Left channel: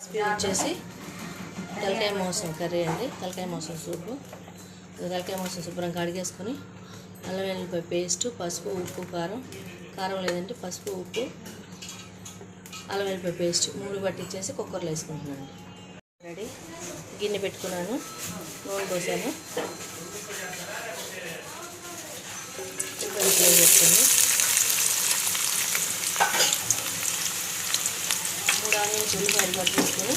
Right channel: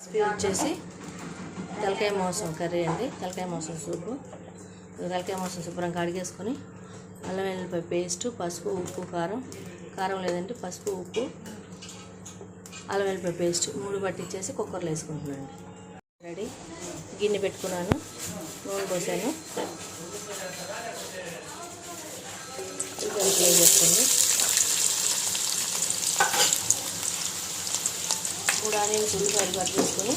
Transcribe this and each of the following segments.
Recipe వచ్చేసి తలకాయ మాంసం కర్రీ అండి. తలకాయ మాంసం సూపు. తలకాయ మాంసం శుభ్రంగా కడిగేసుకొని అల్లం వెల్లుల్లిపాయ పేస్ట్, పసుపు, ఉప్పు, కారం లేదంటే పసుపు, ఉప్పు, అల్లం వెల్లుల్లిపాయ పేస్ట్ 3 పట్టించేసి కుక్కర్లో వేసుకుంటున్నాను. రెడీ. గిన్నె పెట్టుకున్నాను, నూనె పోసాను, ఫ్రై చేసుకోండి. 3 ఆనియన్స్ ఉల్లిపాయలు కట్ చేసుకొని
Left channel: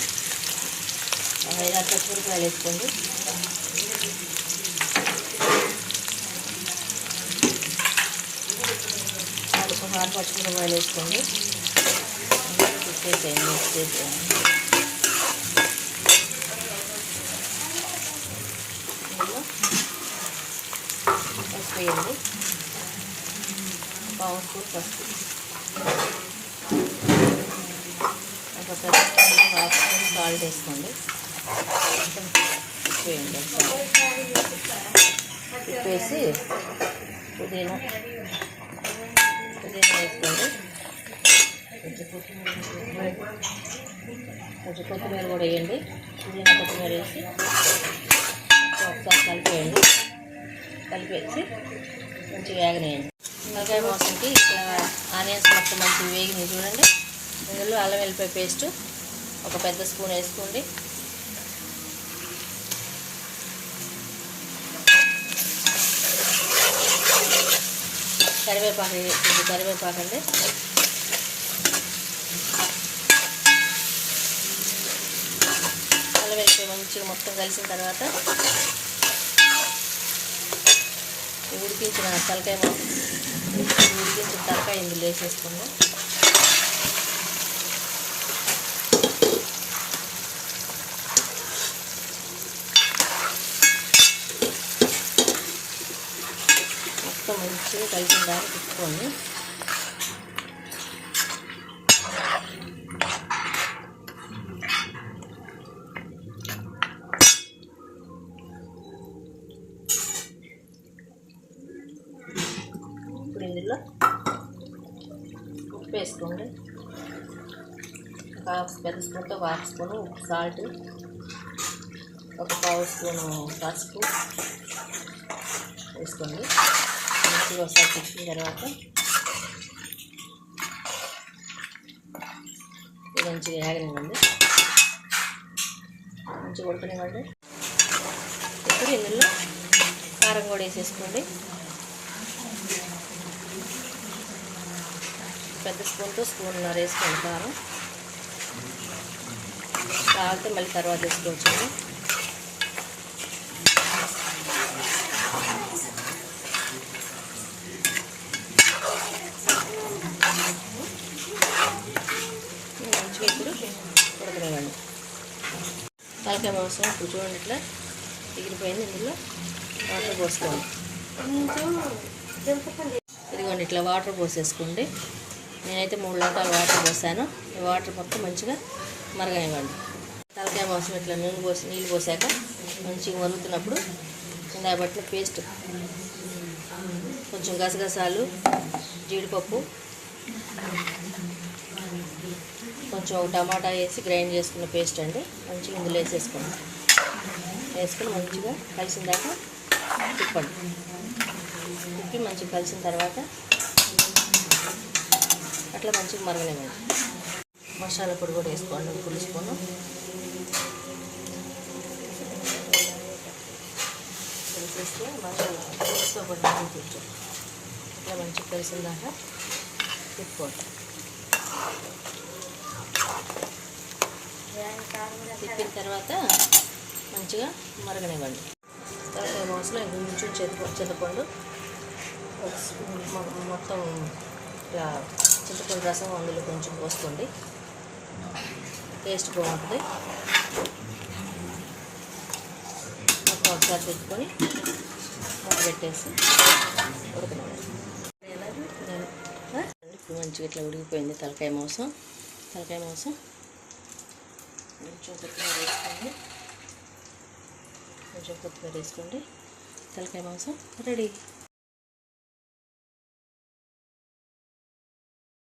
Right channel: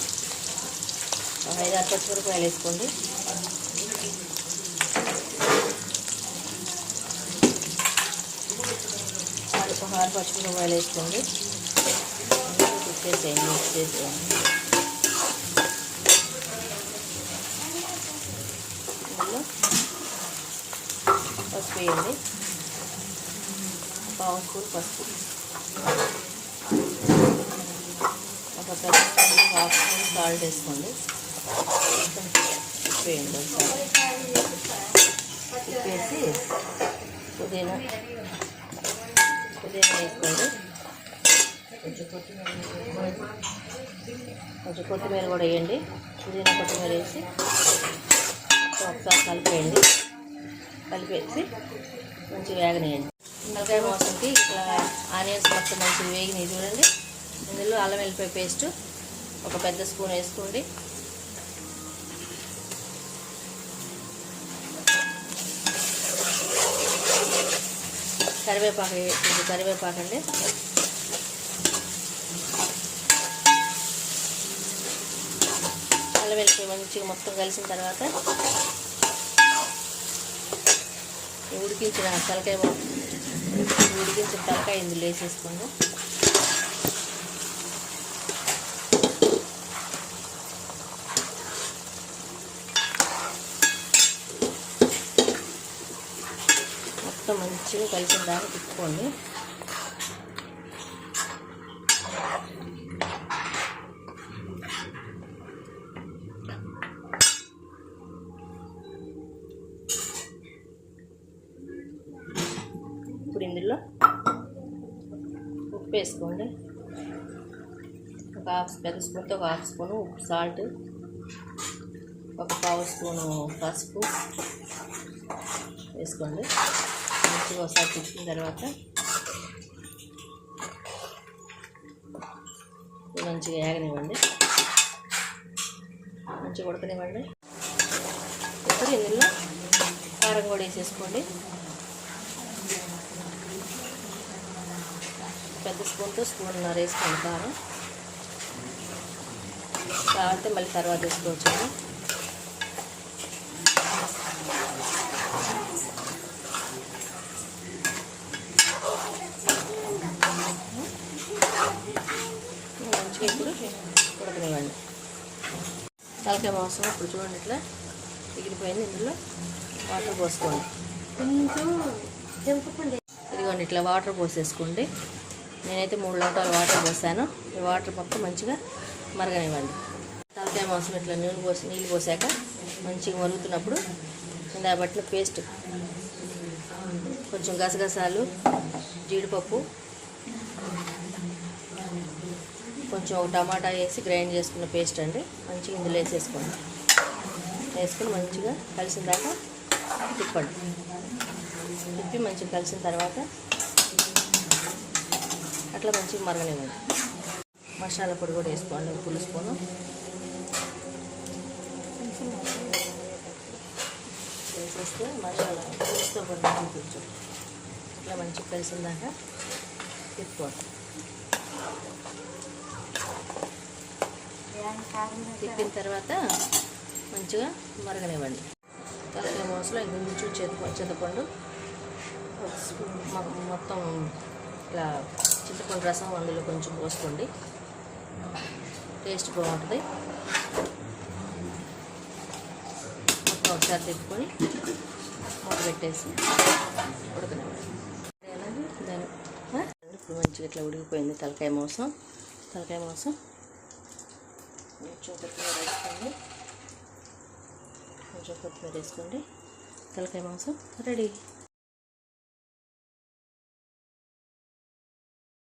5-6 పచ్చిమిరపకాయలు వేసుకోండి. ఒక 6 పచ్చిమిరపకాయలు వేసుకోండి. తిప్పేసేయండి, మిక్స్ చేసేయండి. అందులో పసుపు వేయండి, 1/2 స్పూన్ పసుపు, ఒక 1/2 స్పూన్ సాల్ట్ వేసుకోండి. వేయండి తిప్పేసి పుదీనా వేసుకోండి. కొంచెం కొత్తిమీర కూడా వేయండి. పుదీనా కొత్తిమీర వేసి ఒకసారి కలిపేసి మంచిగా వేగనేయండి. తలకాయ మాంసంకి ఇట్లా ఆనియన్స్ మొత్తం మంచిగా వేగినాయి చూడండి. ఇందులో అల్లం వెల్లిపాయ పేస్ట్ ఒక పెద్ద స్పూన్ వేసుకోండి. కరివేపాకు అండి. అల్లం వెల్లిపాయ మంచిగా మొత్తం కలిసిన తర్వాత ఉడికించిన తలకాయ ఇందులో వేసేసుకోండి. మొత్తం మంచిగా కలిసిన దాన్ని తిప్పుకోండి. ఇప్పుడు ఇందులో ఉప్పు వేసుకోండి. ఒక పెద్ద స్పూన్తో ఒక 1/2 స్పూను ఉప్పు, సాల్ట్, ఒక 1/2 స్పూను పసుపు వేసుకోండి. మంచిగా ఒకసారి తిప్పిన తర్వాత మంచిగా వేగనివ్వండి, మంచిగా ఉడకనివ్వండి. ఇప్పుడు ఇందులో కారం కూడా వేసేసుకోండి. పెద్ద స్పూన్తో స్పూన్నర వేసుకోండి కారం. కావాలంటే మళ్ళీ తర్వాత వేసుకోవచ్చు. మంచిగా ఇప్పుడు ఉడకనివ్వండి. తలకాయ మాంసం ఇప్పుడు చూడండి ఇట్లా ఎగిరిపోయింది. ఇందులో వాటర్ పోసుకోండి. ఇదిగోండి ఇట్లా వాటర్ పోసేసుకోండి. నేనైతే 3 లోటాలు వాటర్ పోసాను. ఈ వాటర్ మొత్తం మంచిగా మరగనివ్వండి. తలకాయ మాంసం ఇట్లా నీళ్ళు పోసాక మంచిగా మరుగుతున్నప్పుడు ఇందాక పట్టిన పేస్ట్, కొంచెం గసగసాలు, జీడిపప్పు, కొంచెం ఒక టమాటా వేసి గ్రైండ్ చేసుకున్న పేస్ట్ అండి మంచిగా ఇందులో వేసేసుకోండి. వేసుకొని మంచిగా కలిసిన దాకా తిప్పండి. తిప్పి మంచిగా కలిసిన తర్వాత అట్లా మంచిగా మరగనివ్వండి. మసాలా పొడి కూడా వేసుకోండి, 1 స్పూను. వేసేస్తే మసాలా పులుసుతో పడి కొంచెం ఇట్లా మంచిగా కలిసిన దాకా తిప్పుకోండి. తిప్పిన తర్వాత మంచిగా మరగనివ్వండి. తలకాయ మాంసంలో కొంచెం చింతపండు మొత్తం ఇలా చింతపండు రసం అందులో కొంచెం పోసుకోండి. టేస్ట్ బాగుంటుంది. మొత్తం ఒకసారి తిప్పుకొని మూత పెట్టేసి ఉడకనివ్వండి. ఇప్పుడు మంచిగా ఇట్లా ఉడికిపోయింది తలకాయ మాంసం. కొంచెం కొత్తిమీర వేసుకోండి. తలకాయ మాంసం రెడీ.